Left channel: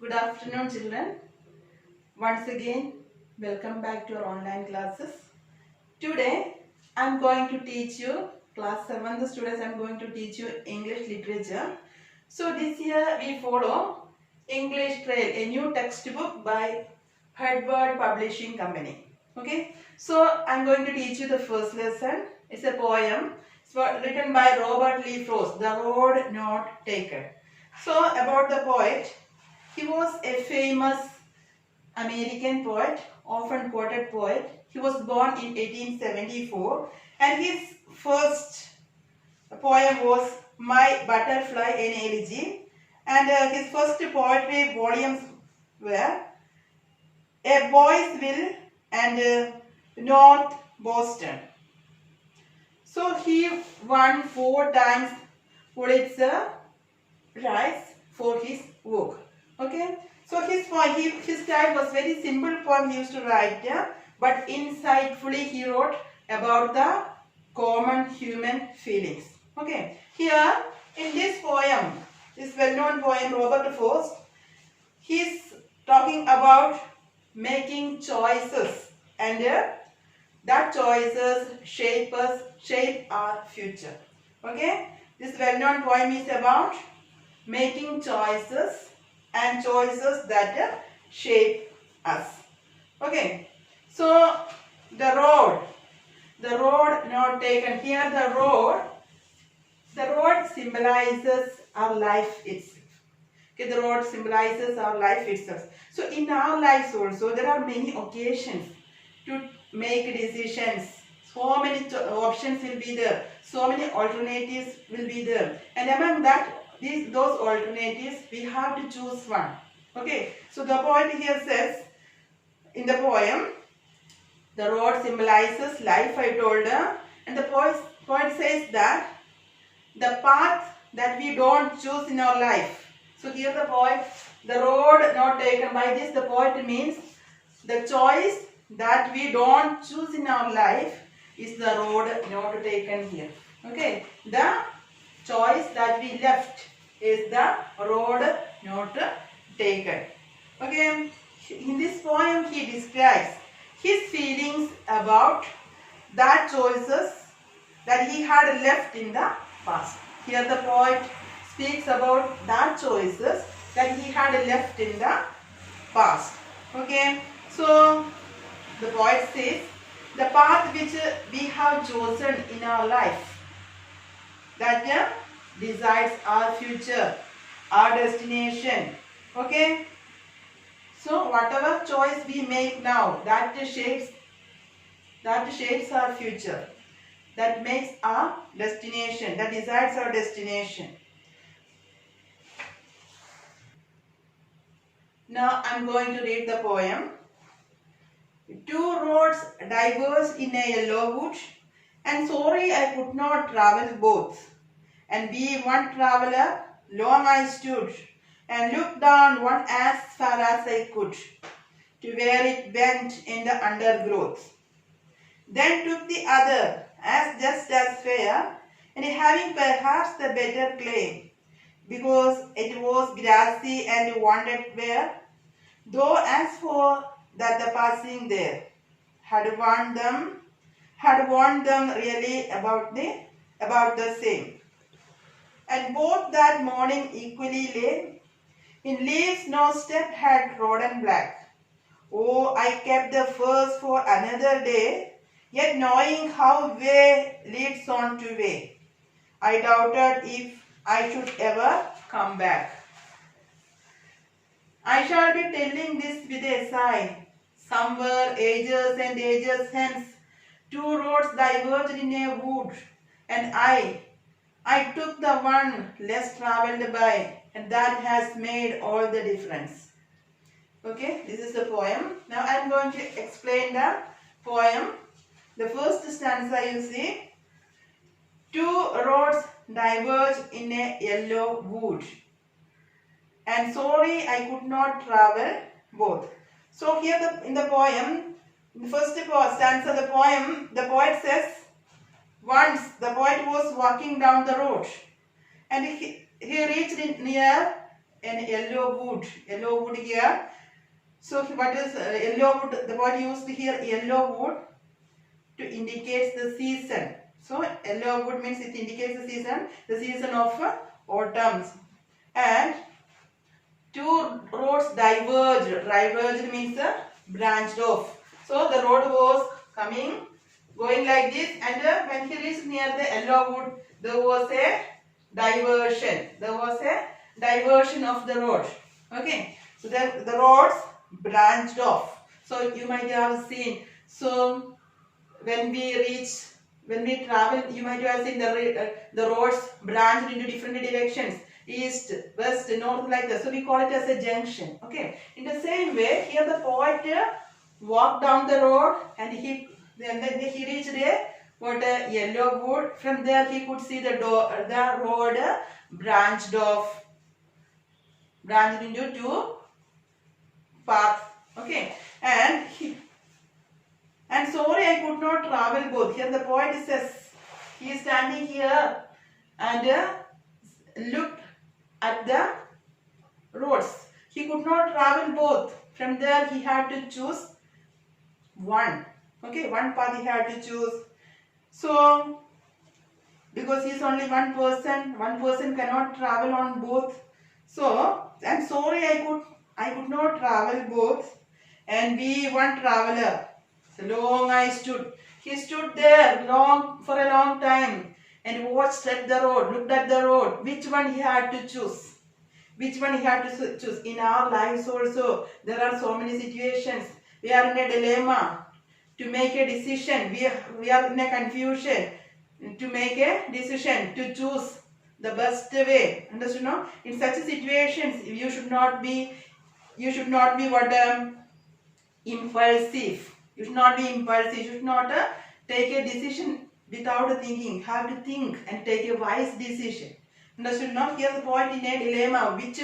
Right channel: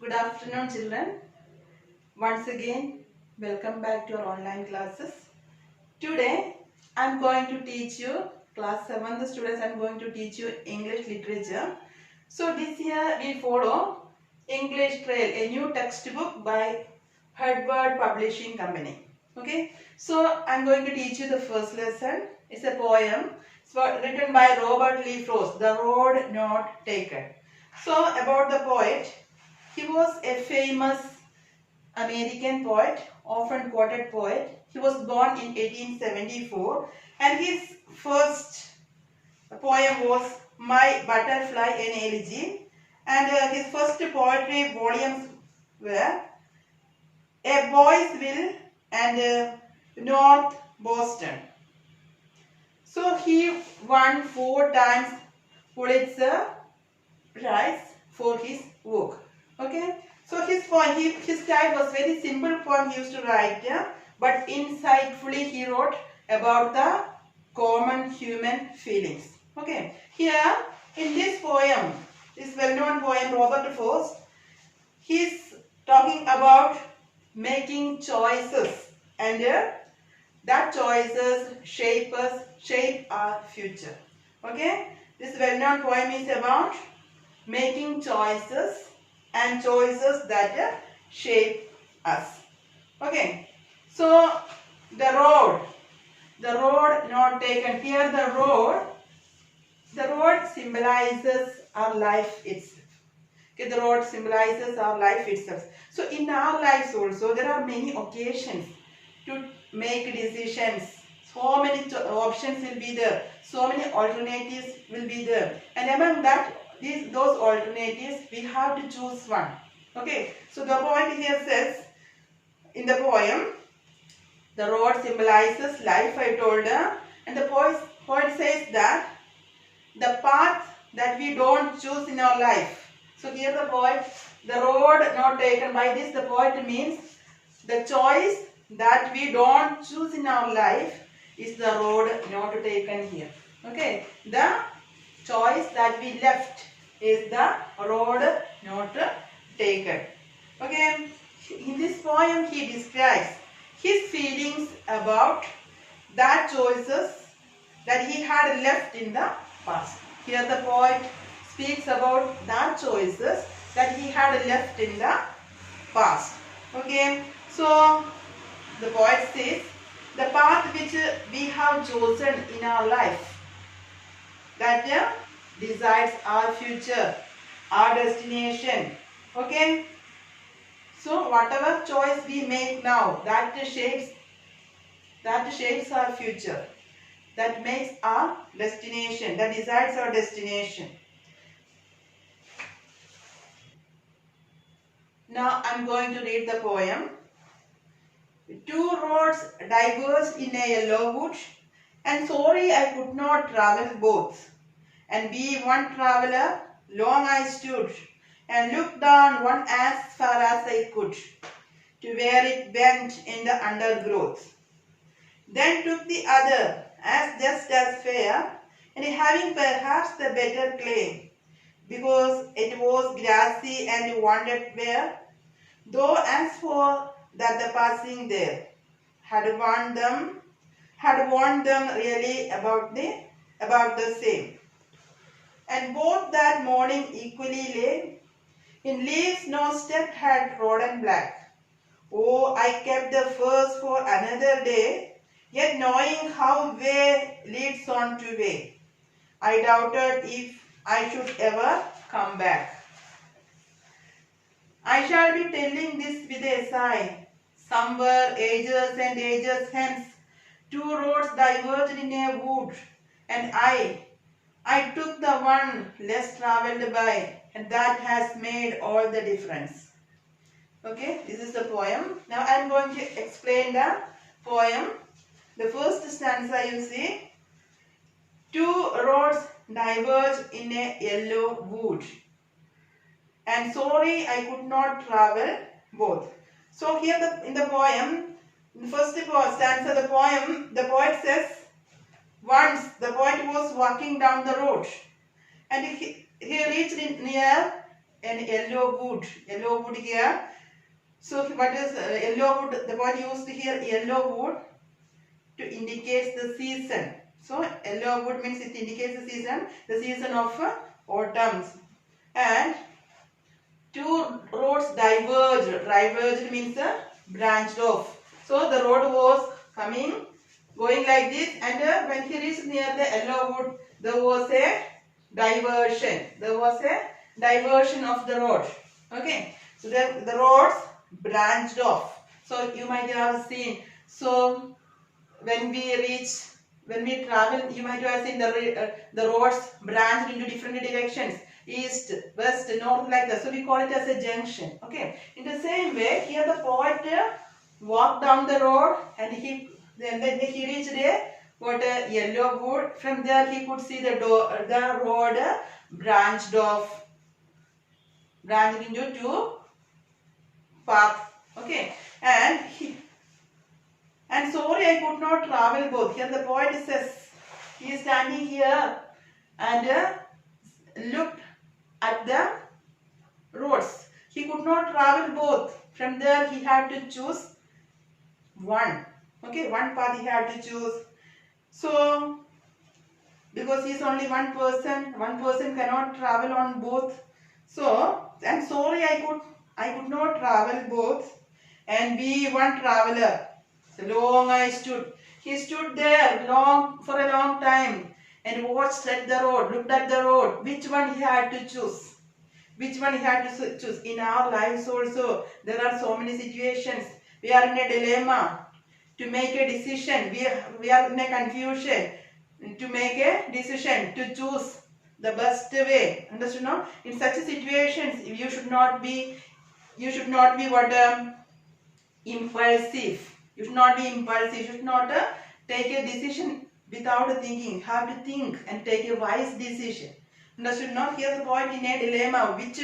Good afternoon, children. Once again, welcome back to our online classes. Today, I am going to teach you, class 7th students, I am going to teach you English literature. So this year we follow English Trail, a new textbook by Hardward Publishing Company. Okay, so I am going to teach you the first lesson. It's a poem. It's written by Robert Lee Frost, The Road Not Taken. So about the poet, he was a famous American poet, often quoted poet. He was born in 1874 and his first poem was My Butterfly Analogy, and his first poetry volumes were A Boy's Will and North Boston. So he won 4 times Pulitzer Prize for his work. Okay, so his style was very simple poem he used to write, yeah? But insightfully he wrote about the common human feelings. Okay, here in this poem, this well-known poem, Robert Frost, he is talking about making choices, and that choices shape our future. Okay, this well-known poem is about making choices and choices that shape us. Okay, so the road not taken. Here the road symbolizes our life itself. Okay, the road symbolizes our life itself. So in our lives also there are many occasions to make decisions. So many options will be there. So many alternatives will be there. And among those alternatives, we have to choose one. Okay. So the poet here says, in the poem, the road symbolizes life, I told her. And the poet says that the path that we don't choose in our life. So here the road not taken, by this the poet means the choice that we don't choose in our life is the road not taken here. Okay, the choice that we left is the road not taken. Okay, in this poem he describes his feelings about that choices that he had left in the past. Here the poet speaks about that choices that he had left in the past. Okay, so the poet says, the path which we have chosen in our life, that decides our future, our destination. Okay, so whatever choice we make now, that shapes our future, that makes our destination, that decides our destination. Now I am going to read the poem. 2 roads diverged in a yellow wood, and sorry I could not travel both. And be one traveller, long I stood, and looked down one as far as I could, to where it bent in the undergrowth. Then took the other, as just as fair, and having perhaps the better claim, because it was grassy and wandered where, though as for that the passing there had warned them really about the same. And both that morning equally lay, in leaves no step had trodden black. Oh, I kept the first for another day, yet knowing how way leads on to way, I doubted if I should ever come back. I shall be telling this with a sigh. Somewhere ages and ages hence, 2 roads diverged in a wood, and I took the one less travelled by, and that has made all the difference. Okay, this is the poem. Now I am going to explain the poem. The first stanza you see, 2 roads diverged in a yellow wood, and sorry I could not travel both. So here in the poem, in the first stanza of the poem, the poet says, once the poet was walking down the road, and he reached near an yellow wood. Yellow wood here. So what is yellow wood? The word used here yellow wood to indicate the season. So yellow wood means it indicates the season of autumn. And two roads diverged. Diverged means branched off. So the road was going like this, and when he reached near the yellow wood, there was a diversion. There was a diversion of the road. Okay. So the roads branched off. So you might have seen. So when we travel, you might have seen the roads branched into different directions, east, west, north, like that. So we call it as a junction. Okay. In the same way, here the poet walked down the road, and then he reached a yellow wood. From there he could see the road branched into two paths. Okay. And sorry, I could not travel both. Here the poet says, he is standing here and looked at the roads. He could not travel both. From there he had to choose one. Okay, one path he had to choose. So, because he is only one person cannot travel on both. So, I'm sorry, I could not travel both. And be one traveler. So long I stood. He stood there for a long time and watched at the road, looked at the road. Which one he had to choose? Which one he had to choose? In our lives also, there are so many situations. We are in a dilemma to make a decision. We are in a confusion to make a decision, to choose the best way. Understood? No? In such situations, you should not be impulsive. You should not be impulsive. You should not take a decision without thinking. You have to think and take a wise decision. Understood? Now here the point in a dilemma. Which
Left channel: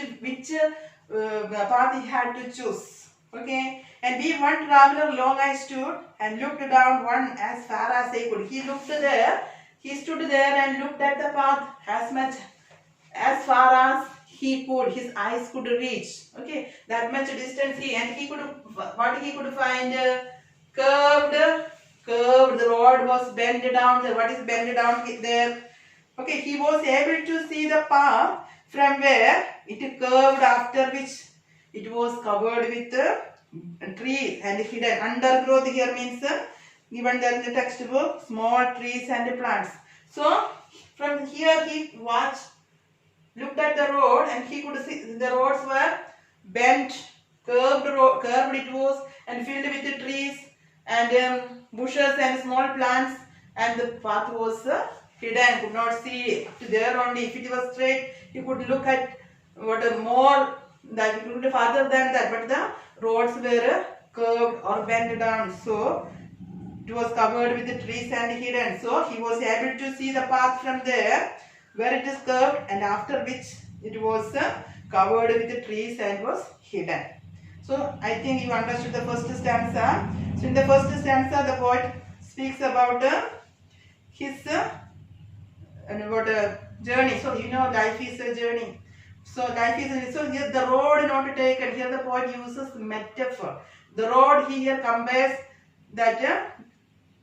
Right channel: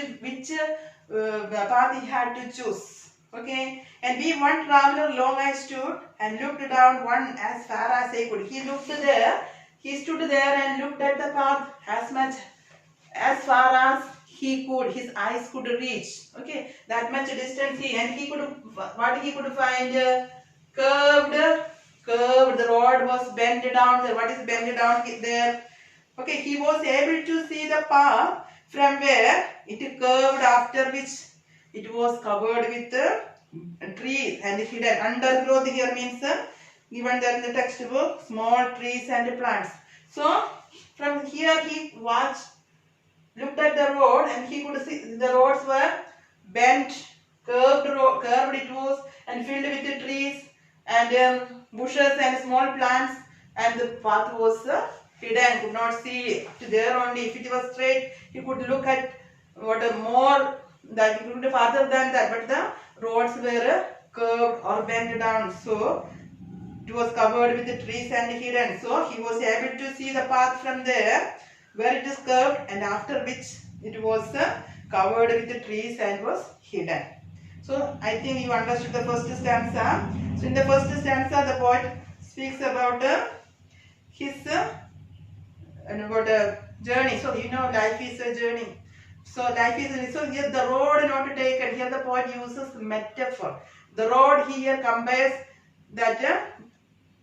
path he had to choose. Okay. And be one traveler long I stood and looked down one as far as I could. He looked there. He stood there and looked at the path as far as he could, his eyes could reach. Okay, that much distance he could find curved. The road was bent down. What is bent down there? Okay, he was able to see the path from where it curved, after which it was covered with trees and hidden. Undergrowth here means given there in the textbook, small trees and plants. So from here he looked at the road, and he could see the roads were bent, curved it was, and filled with the trees and bushes and small plants, and the path was hidden, could not see it there only. If it was straight, he could look at more that he could farther than that, but the roads were curved or bent down, so it was covered with the trees and hidden. So he was able to see the path from there where it is curved, and after which it was covered with the trees and was hidden. So I think you understood the first stanza. So in the first stanza the poet speaks about his journey. So you know life is a journey. So here the road not taken. Here the poet uses metaphor. The road here compares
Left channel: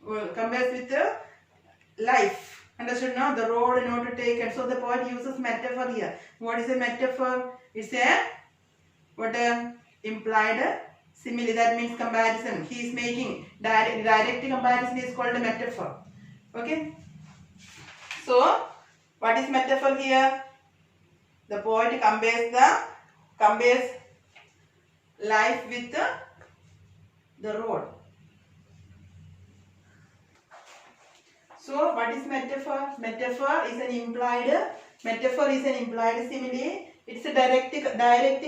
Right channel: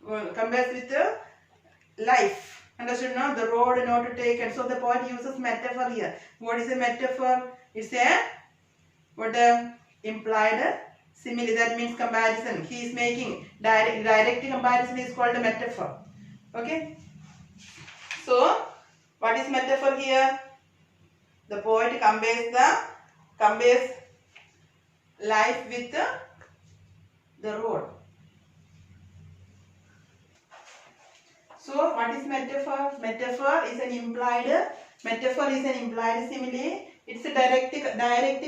with life. Understood? No, the road not taken. So the poet uses metaphor here. What is a metaphor? It's a implied simile. That means comparison. He is making direct comparison is called a metaphor. Okay. So what is metaphor here? The poet compares life with the road. So what is metaphor? Metaphor is an implied simile. It's a direct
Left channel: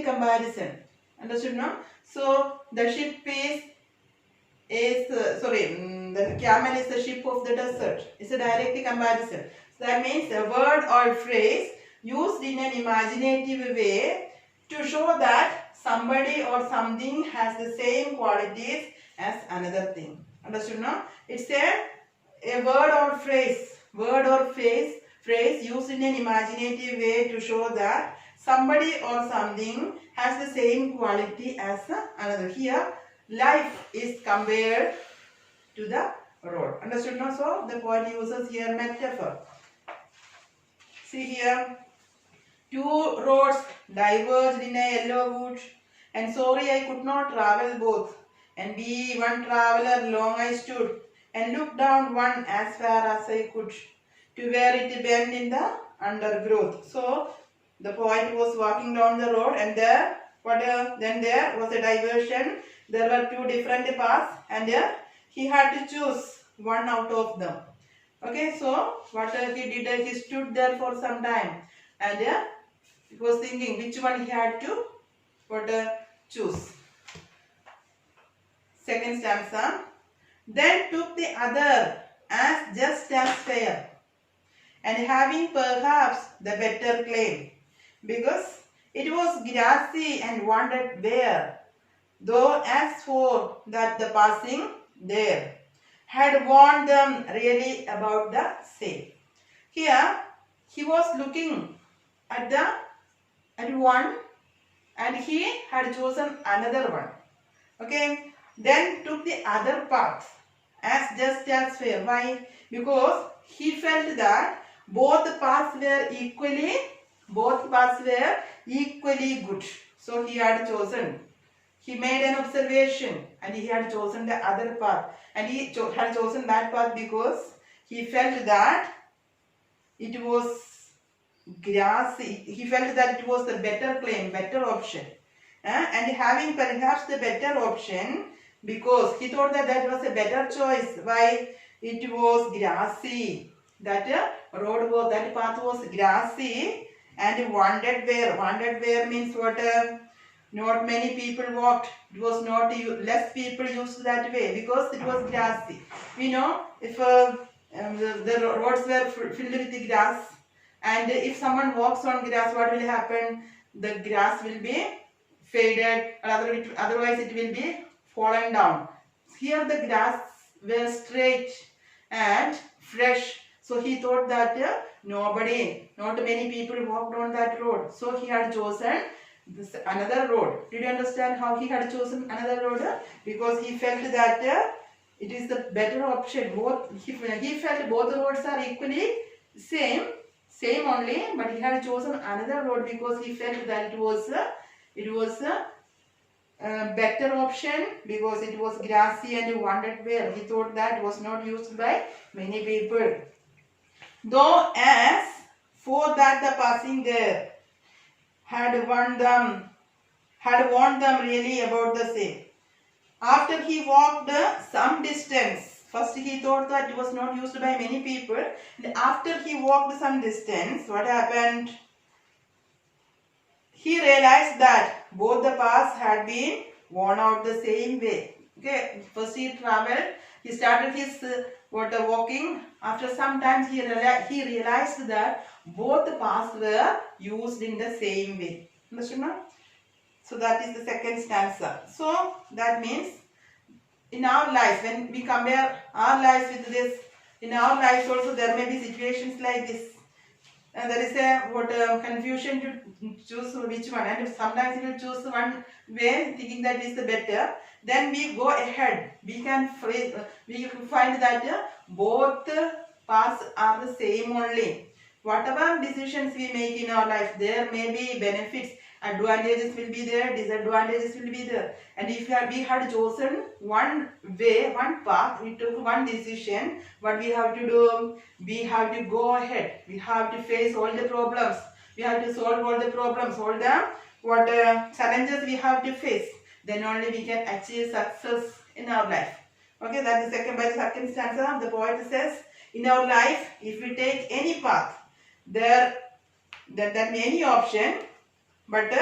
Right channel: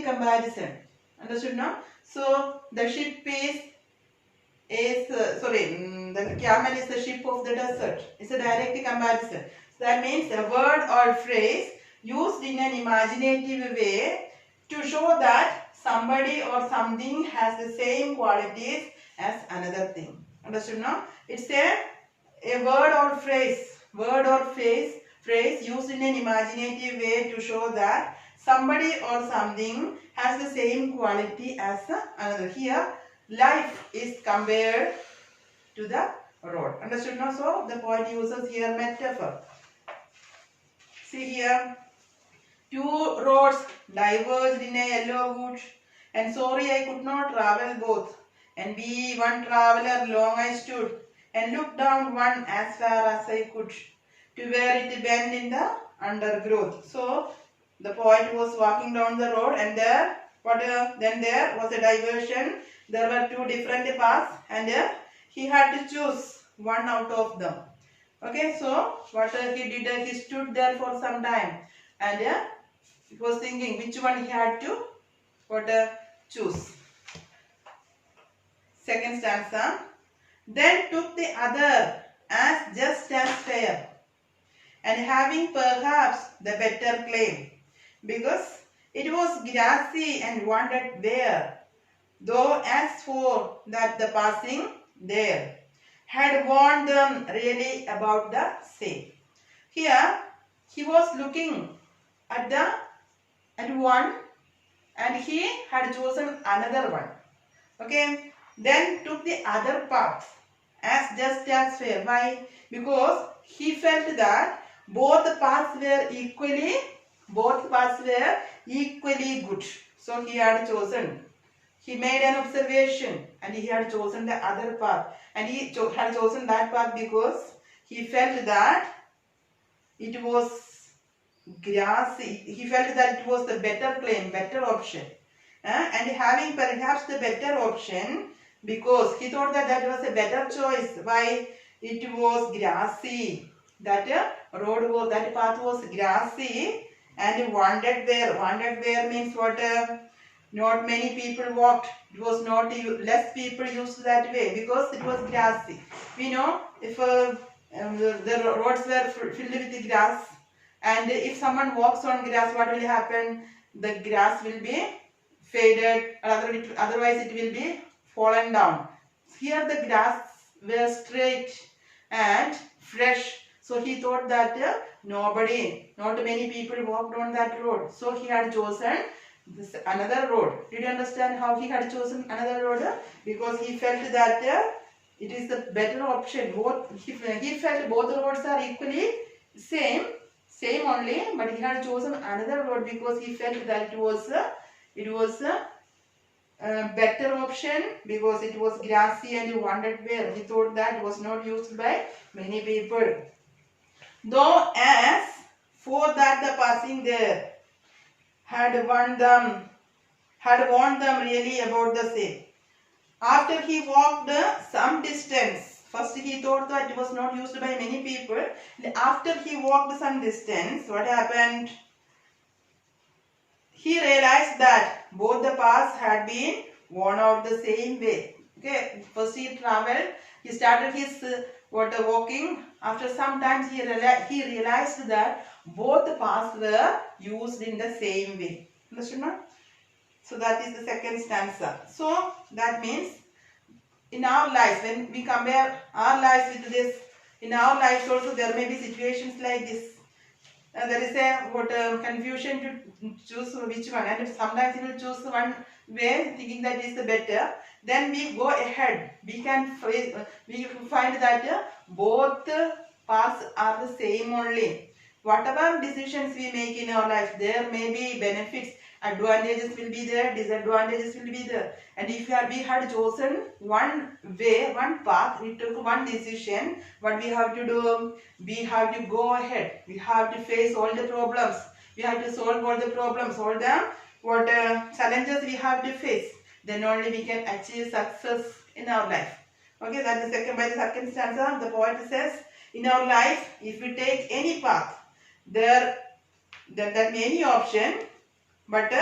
comparison. Understood now? So the ship the camel is the ship of the desert. It's a direct comparison. So that means a word or phrase used in an imaginative way to show that somebody or something has the same qualities as another thing. Understood now? It's a word or phrase used in an imaginative way to show that somebody or something has the same quality as another. Here, life is compared to the road. Understood now? So, the poet uses here metaphor. See here, two roads diverged in a yellow wood, and sorry I could not travel both. And be one traveller long I stood, and looked down one as far as I could, to where it bent in the undergrowth. So, the poet was walking down the road, and there, then there was a diversion. There were two different paths, and he had to choose one out of them. Okay, so what he did, he stood there for some time, and he was thinking which one he had to choose. Second stanza. Then took the other as just as fair, and having perhaps the better claim, because it was grassy and wandered bare, though as for that the passing there had warned them really about the same. Here he was looking at one, and he had chosen another one. Okay. Then took the other path as just as fair. Why? Because he felt that both paths were equally good. So he had chosen. He made an observation, and he had chosen the other path. And he had chosen that path because he felt that it was grassy. He felt that it was the better claim, better option. And having perhaps the better option, because he thought that that was a better choice. Why? It was grassy. That path was grassy and wandered where. Wandered where means what? Not many people walked. It was not less people used that way because it was grassy. We know if the roads were filled with grass, and if someone walks on grass, what will happen? The grass will be faded, or otherwise it will be falling down. Here the grass were straight and fresh. So he thought that not many people walked on that road. So he had chosen another road. Did you understand how he had chosen another road? Because he felt that it is the better option. He felt both roads are equally same only, but he had chosen another road because he felt that it was a better option because it was grassy and wandered where. He thought that was not used by many people. Though as for that the passing there had warned them really about the same. After he walked some distance, first he thought that it was not used by many people. And after he walked some distance, what happened? He realized that both the paths had been worn out the same way. Okay, first he traveled. He started his walking. After some time, he realized that both the paths were used in the same way. Understood now? So that is the second stanza. So that means in our lives, when we compare our lives with this, in our lives also there may be situations like this. And there is a confusion to choose which one, and sometimes we will choose one way thinking that is the better. Then we go ahead. We find that both paths are the same only. Whatever decisions we make in our life, there may be benefits, advantages will be there, disadvantages will be there. And if we had chosen one way, one path, we took one decision, what we have to do? We have to go ahead. We have to face all the problems. We have to solve all the problems, all the challenges we have to face. Then only we can achieve success in our life. Okay, that is by the second stanza. The poet says, in our life, if we take any path, that may be any option, but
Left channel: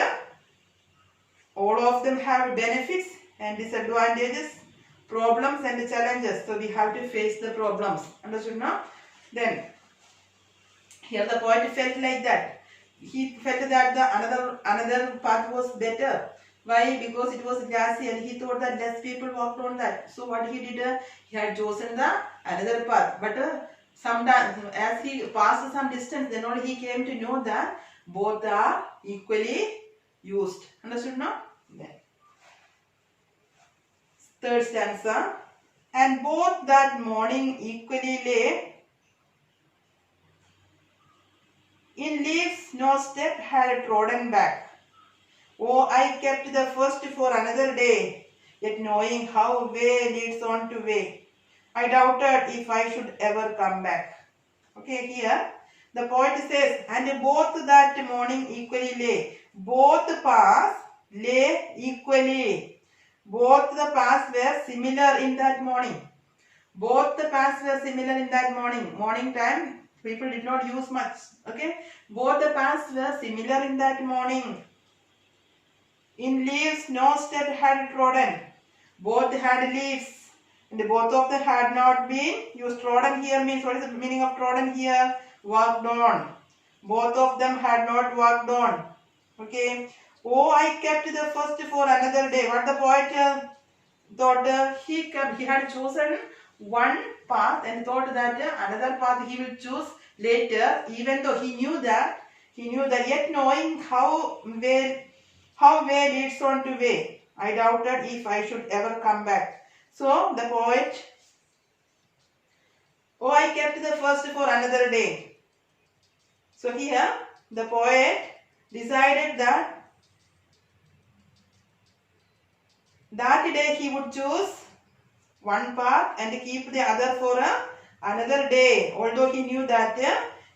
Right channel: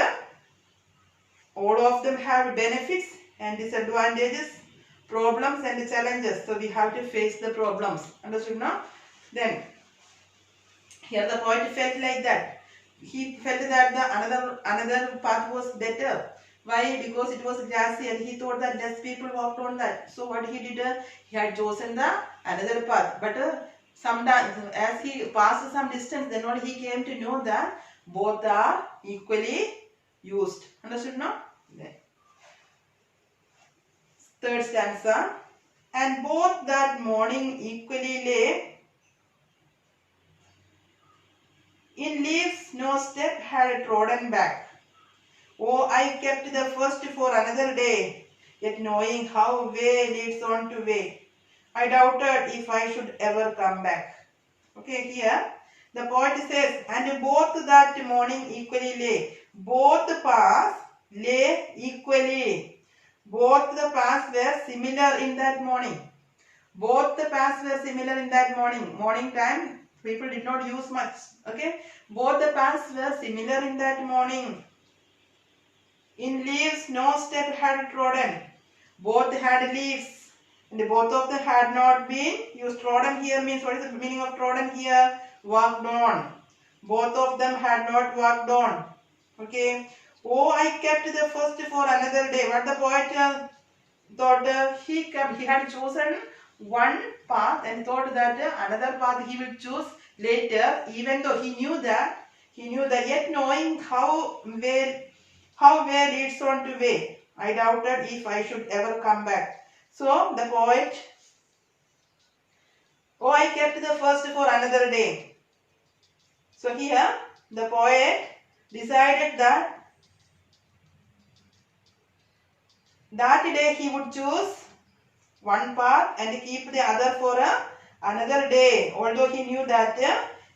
all of them have benefits and disadvantages, problems and challenges. So we have to face the problems. Understood now? Then here the poet felt like that. He felt that the another path was better. Why? Because it was grassy and he thought that less people walked on that. So what he did, he had chosen the another path. But sometimes as he passed some distance, then only he came to know that both are equally used. Understood now? Then third stanza. And both that morning equally lay, in leaves no step had trodden back. Oh, I kept the first for another day, yet knowing how way leads on to way, I doubted if I should ever come back. Okay, here the poet says, and both that morning equally lay. Both paths lay equally. Both the paths were similar in that morning. Both the paths were similar in that morning. Morning time, people did not use much. Okay, both the paths were similar in that morning. In leaves no step had trodden. Both had leaves, and both of them had not been used. Trodden here means, what is the meaning of trodden here? Walked on. Both of them had not walked on. Okay. Oh, I kept the first for another day. What the poet thought, he had chosen one path and thought that another path he will choose later, even though he knew that yet knowing how way leads on to way, I doubted if I should ever come back. So the poet, oh, I kept the first for another day. So here the poet decided that day he would choose one path and keep the other for another day, although he knew that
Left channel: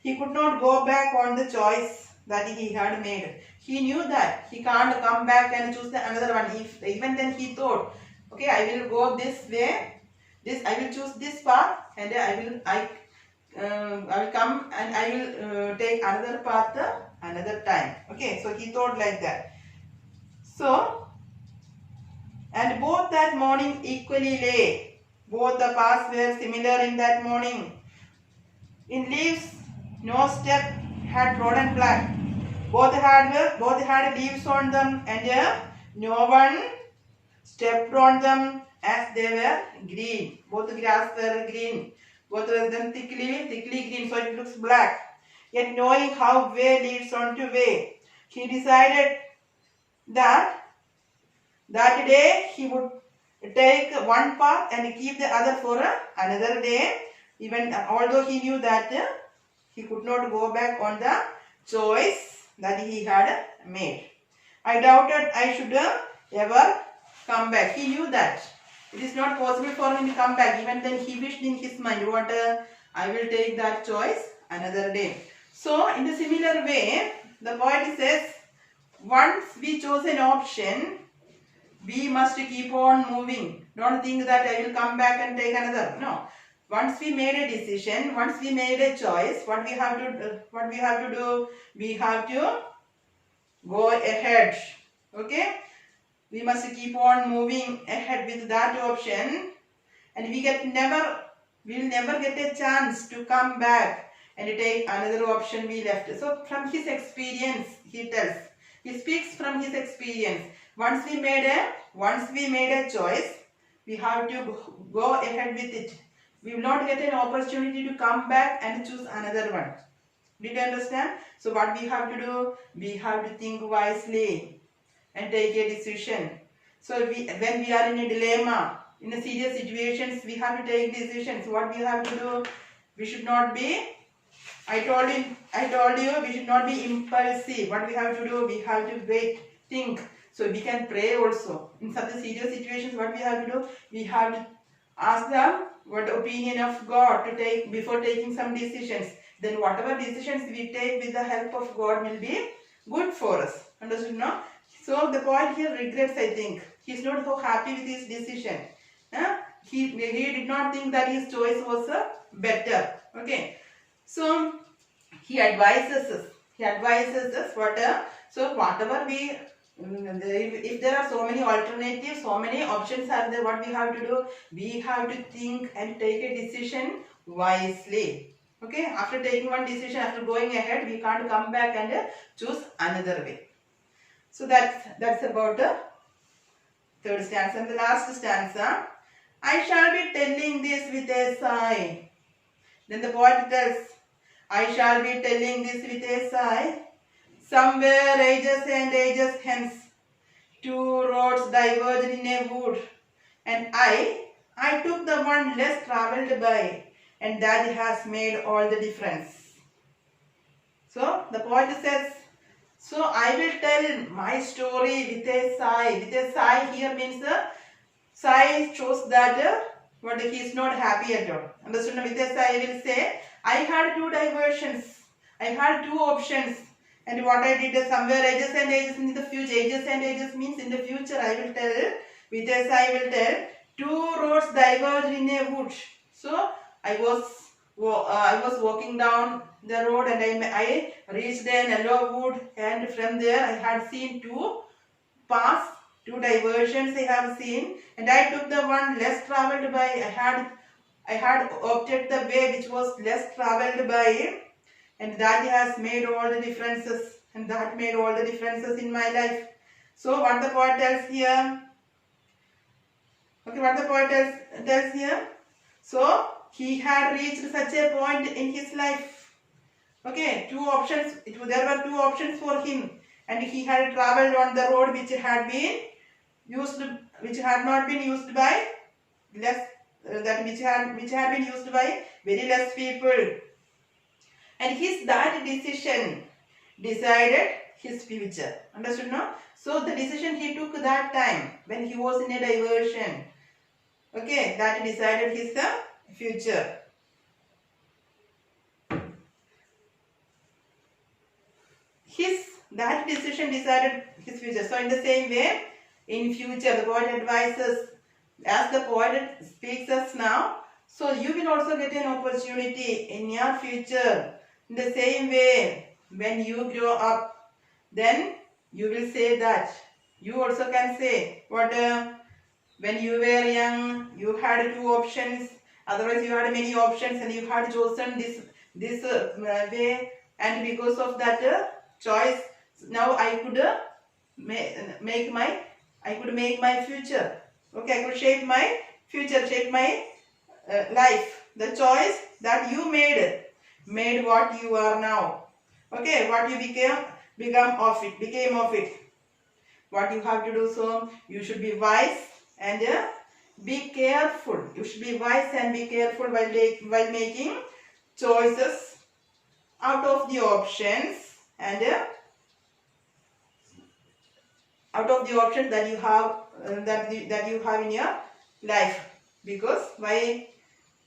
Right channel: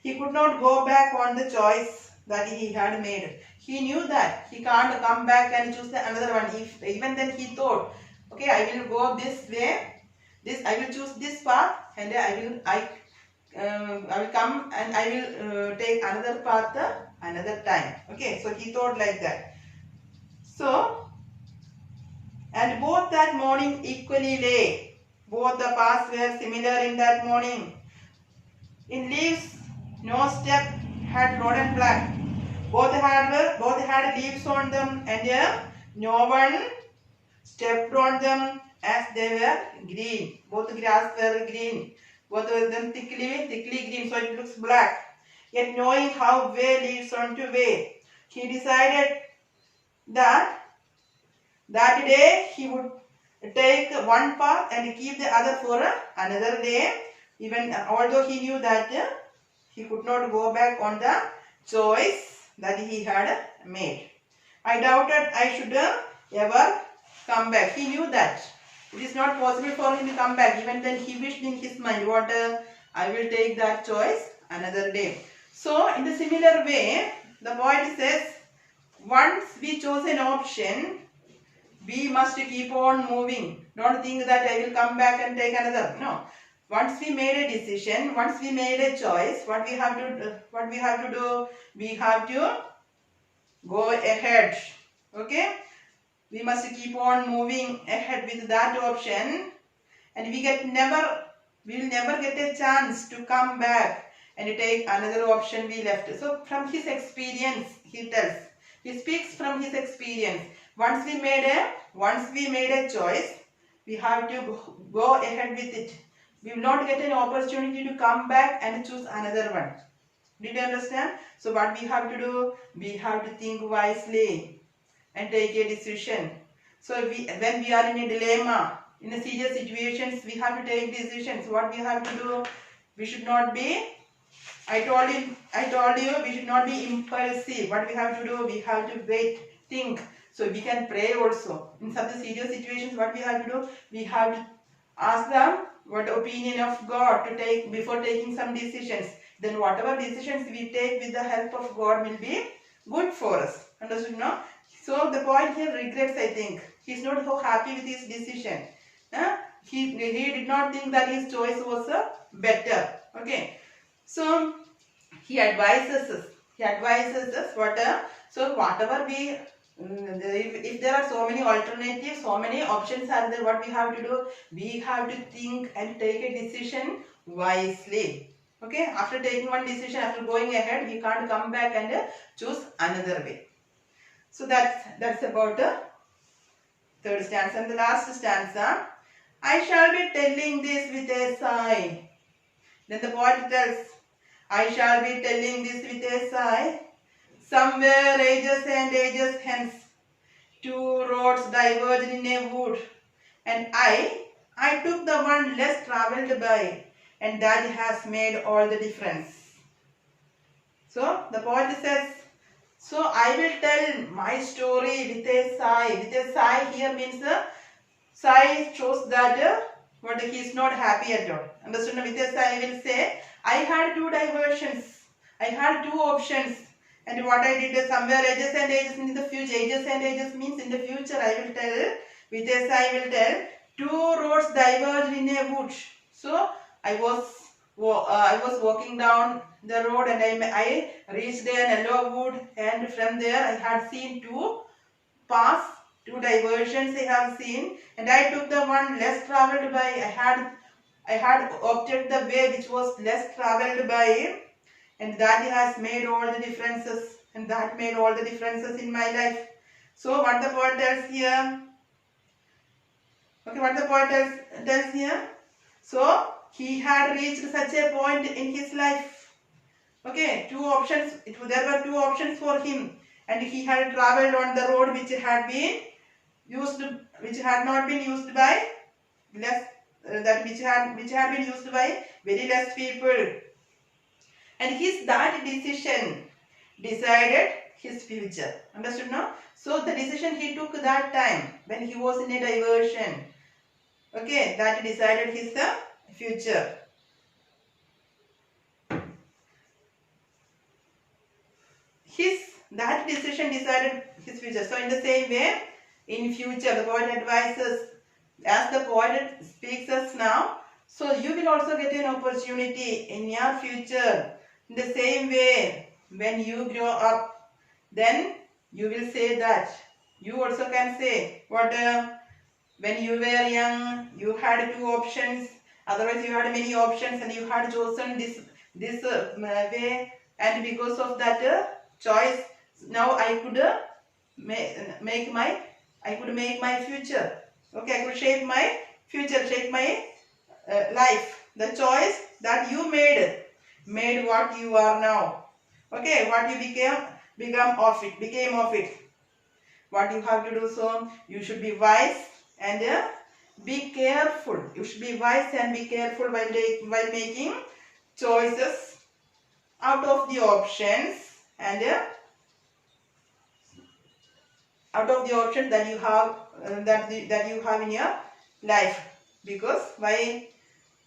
he could not go back on the choice that he had made. He knew that he can't come back and choose another one. Even then he thought, okay, I will go this way. I will choose this path, and I will come and I will take another path another time. Okay, so he thought like that. So, and both that morning equally lay. Both the paths were similar in that morning. In leaves, no step had trodden black. Both had leaves on them, and no one stepped on them as they were green. Both grass were green. Both of them thickly green, so it looks black. Yet knowing how way leads on to way, he decided that day he would take one path and keep the other for another day, even although he knew that he could not go back on the choice that he had made. I doubted I should ever come back. He knew that it is not possible for him to come back. Even then he wished in his mind, what I will take that choice another day. So in the similar way, the poet says, once we chose an option, we must keep on moving. Don't think that I will come back and take another. No. Once we made a decision, once we made a choice, what we have to do? We have to go ahead. Okay? We must keep on moving ahead with that option, and we will never get a chance to come back and take another option we left. So from his experience, he tells. He speaks from his experience. Once we made a choice, we have to go ahead with it. We will not get an opportunity to come back and choose another one. Did you understand? So what we have to do? We have to think wisely and take a decision. So when we are in a dilemma, in a serious situations, we have to take decisions. What we have to do? We should not be, I told you, we should not be impulsive. What we have to do? We have to wait, think. So we can pray also. In such serious situations, what we have to do? We have to ask them what opinion of God to take before taking some decisions. Then whatever decisions we take with the help of God will be good for us. Understood now? So the poet here regrets, I think. He is not so happy with his decision. He did not think that his choice was better. Okay. So he advises us what so whatever we if there are so many alternatives, so many options are there, what we have to do? We have to think and take a decision wisely. Okay, after taking one decision, after going ahead, we can't come back and choose another way. So that's about third stanza. And the last stanza, I shall be telling this with a sigh. Then the poet tells, I shall be telling this with a sigh. Somewhere ages and ages hence, two roads diverged in a wood, and I took the one less travelled by, and that has made all the difference. So the poet says, so I will tell my story with a sigh. With a sigh here means the sigh shows that what he is not happy at all. Understood? With a sigh I will say, I had two diversions. I had two options. And what I did is somewhere ages and ages in the future. Ages and ages means in the future I will tell. With a sigh I will tell. Two roads diverged in a wood. So I was walking down the road and I reached a yellow wood, and from there I had seen two paths, two diversions I have seen, and I took the one less travelled by. I had opted the way which was less travelled by, and that has made all the differences, and that made all the differences in my life. So what the poet tells here, okay, what the poet tells here, so he had reached such a point in his life. Okay, two options. There were two options for him, and he had travelled on the road which had been used, which had not been used by less, that which had been used by very less people, and that decision decided his future. Understood? No? So the decision he took that time when he was in a diversion, okay, that decided his future. That decision decided his future. So in the same way, in future, the poet advises, as the poet speaks us now, so you will also get an opportunity in your future. In the same way, when you grow up, then you will say that. You also can say, what when you were young, you had two options. Otherwise, you had many options, and you had chosen this way, and because of that choice, now I could make my future. Okay, I could shape my future, shape my life. The choice that you made what you are now. Okay, what you became of it. What you have to do, so you should be wise and be careful. You should be wise and be careful while making choices out of the options, and out of the options that you have that you have in your life, because why,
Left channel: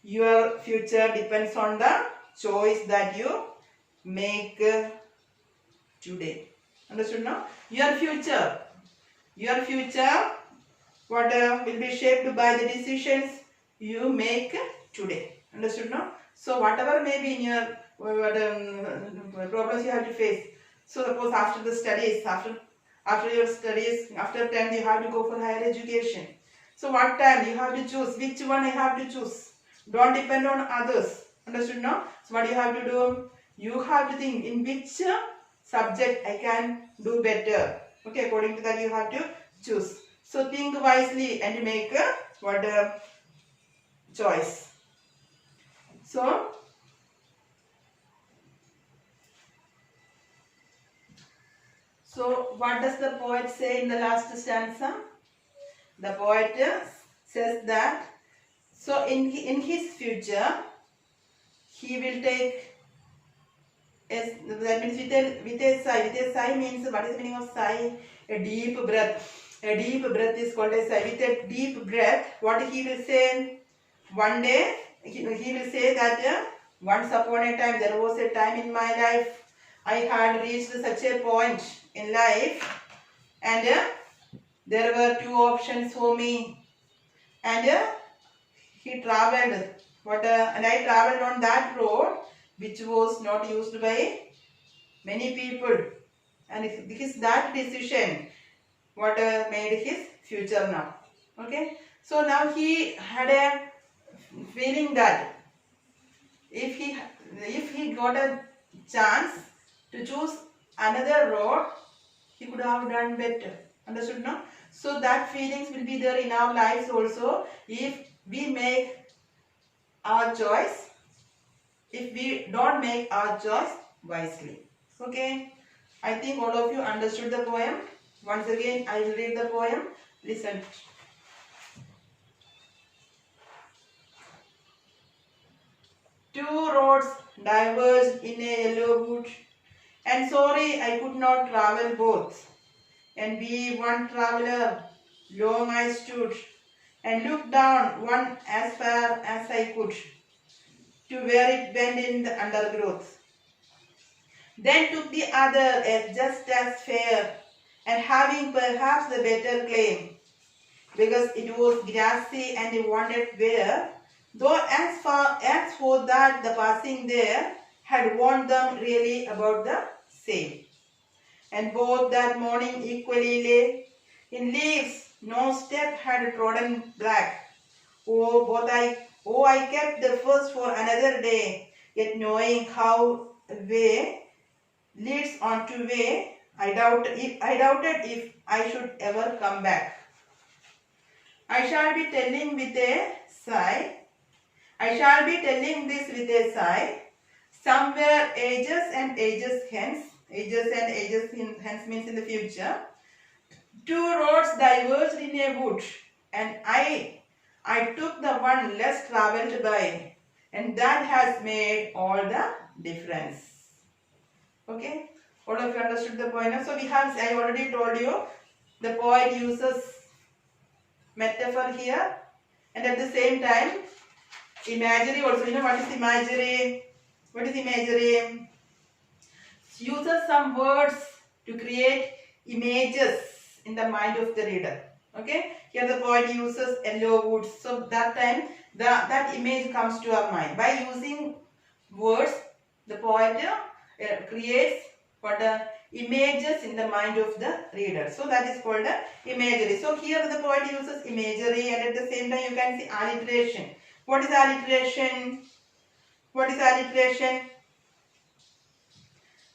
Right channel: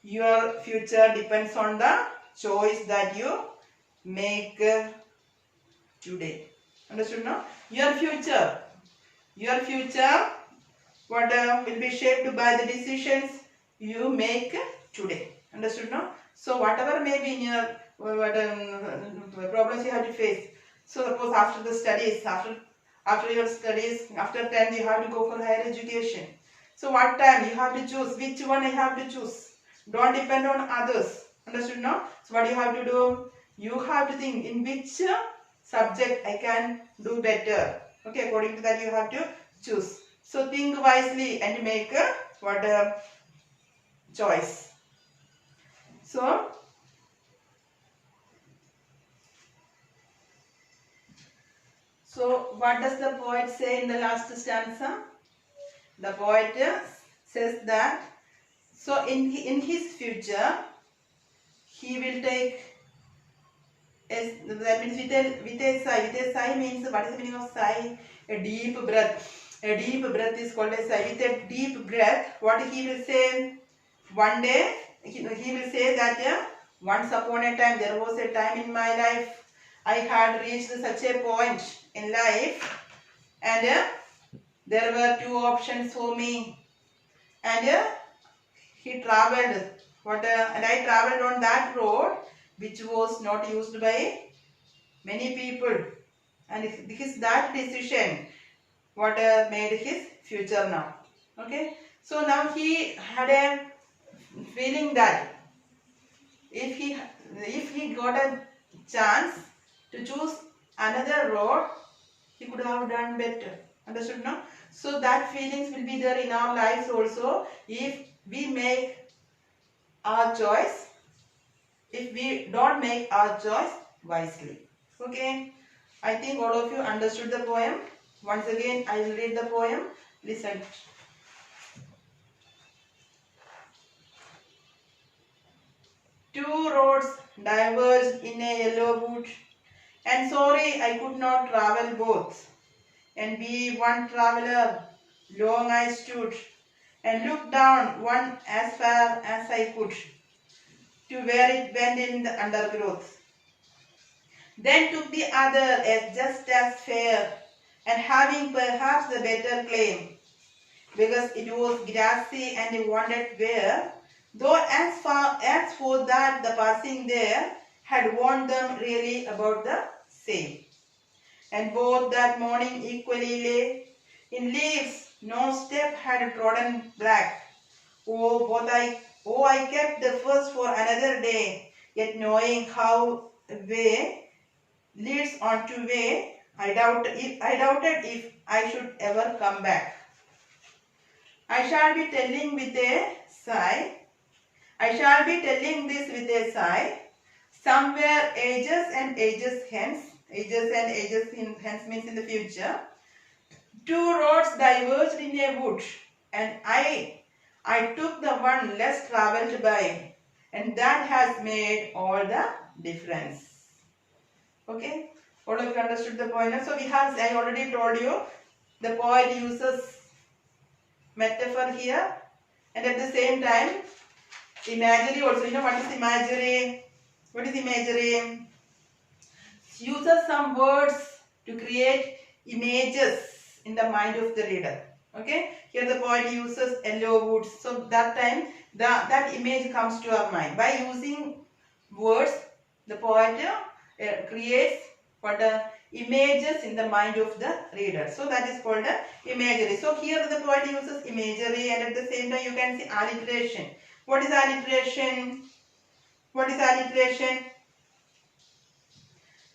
your future depends on the choice that you make today. Understood? No? Your future what will be shaped by the decisions you make today. Understood? No? So whatever may be in your problems you have to face. So suppose after the studies, after your studies, after 10th you have to go for higher education. So what time you have to choose, which one I have to choose. Don't depend on others. Understood? No? So what you have to do, you have to think in which subject I can do better. Okay, according to that you have to choose. So think wisely and make a choice. So what does the poet say in the last stanza? The poet says that, so in his future he will take, that means with a sigh. With a sigh means, what is the meaning of sigh? A deep breath. A deep breath is called a sigh. With a deep breath, what he will say? One day he will say that once upon a time, there was a time in my life I had reached such a point in life, and there were two options for me, and he travelled and I travelled on that road which was not used by many people, and that decision made his future now. Okay, so now he had a feeling that if he got a chance to choose another road, he could have done better. Understood? No? So that feelings will be there in our lives also, if we make our choice, if we don't make our choice wisely. Okay, I think all of you understood the poem. Once again, I will read the poem. Listen. Two roads diverged in a yellow wood, and sorry I could not travel both. And be one traveller, long I stood, and looked down one as far as I could, to where it went in the undergrowth. Then took the other as just as fair, and having perhaps the better claim, because it was grassy and wandered where, though as far as for that the passing there had warned them really about the same. And both that morning equally lay in leaves, no step had trodden black. Oh, I kept the first for another day, yet knowing how way leads on to way, I doubted if I should ever come back. I shall be telling with a sigh. I shall be telling this with a sigh. Somewhere ages and ages hence means in the future. Two roads diverged in a wood, and I took the one less travelled by, and that has made all the difference. Okay, all of you understood the point. So I already told you, the poet uses metaphor here, and at the same time imagery also. You know what is imagery? What is imagery? It uses some words to create images in the mind of the reader. Okay, here the poet uses yellow woods, so that time that image comes to our mind. By using words, the poet creates images in the mind of the reader. So that is called imagery. So here the poet uses imagery, and at the same time you can see alliteration. What is alliteration? What is alliteration?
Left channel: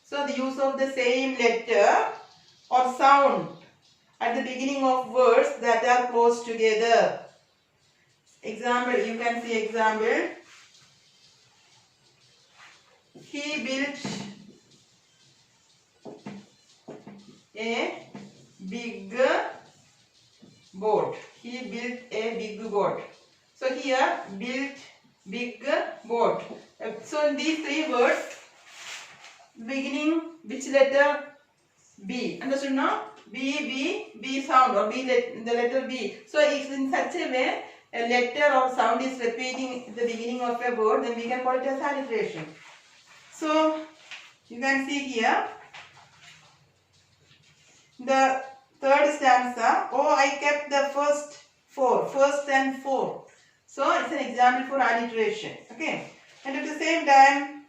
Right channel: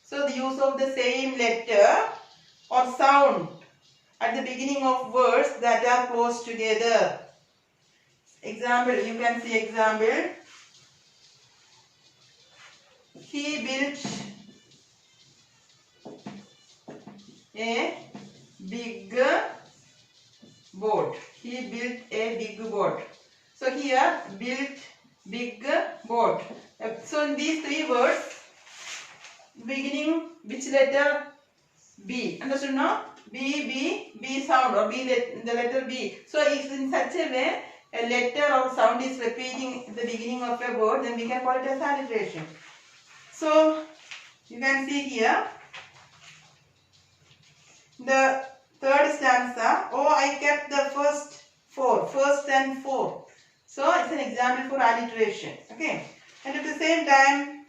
So the use of the same letter or sound at the beginning of words that are close together. Example, you can see example. He built a big boat. He built a big boat. So here, built, big, boat. So in these three words, beginning which letter? B. Understood now? B sound, or the letter B. So if in such a way a letter or sound is repeating at the beginning of a word, then we can call it as alliteration. So you can see here the third stanza. Oh, I kept the first and four. So it's an example for alliteration. Okay, and at the same time,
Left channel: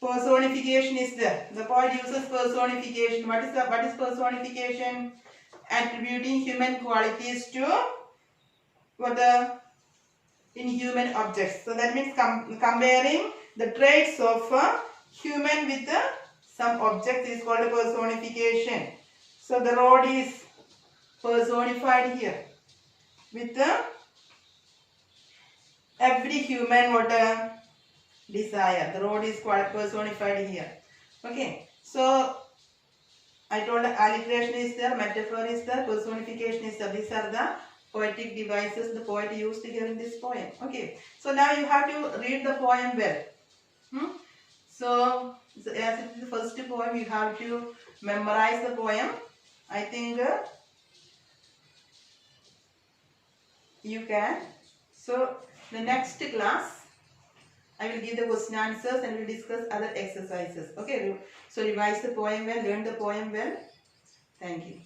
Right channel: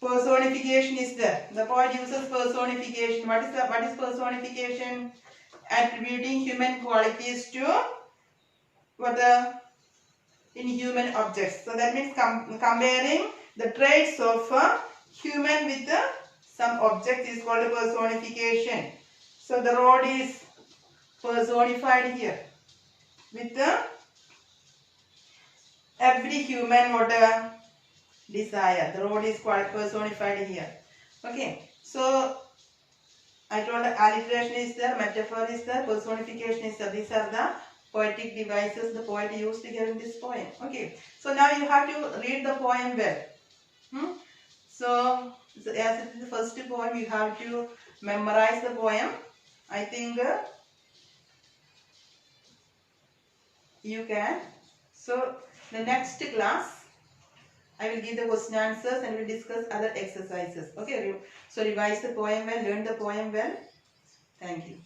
personification is there. The poet uses personification. What is personification? Attributing human qualities to inhuman objects. So that means comparing the traits of human with some objects is called personification. So the road is personified here with every human desire. The road is quite personified here. Okay, so I told the alliteration is there, metaphor is there, personification is there. These are the poetic devices the poet used here in this poem. Okay, so now you have to read the poem well. So as it is the first poem, you have to memorize the poem. I think you can. So the next class, I will give the question answers and we will discuss other exercises. Okay, so revise the poem well, learn the poem well. Thank you.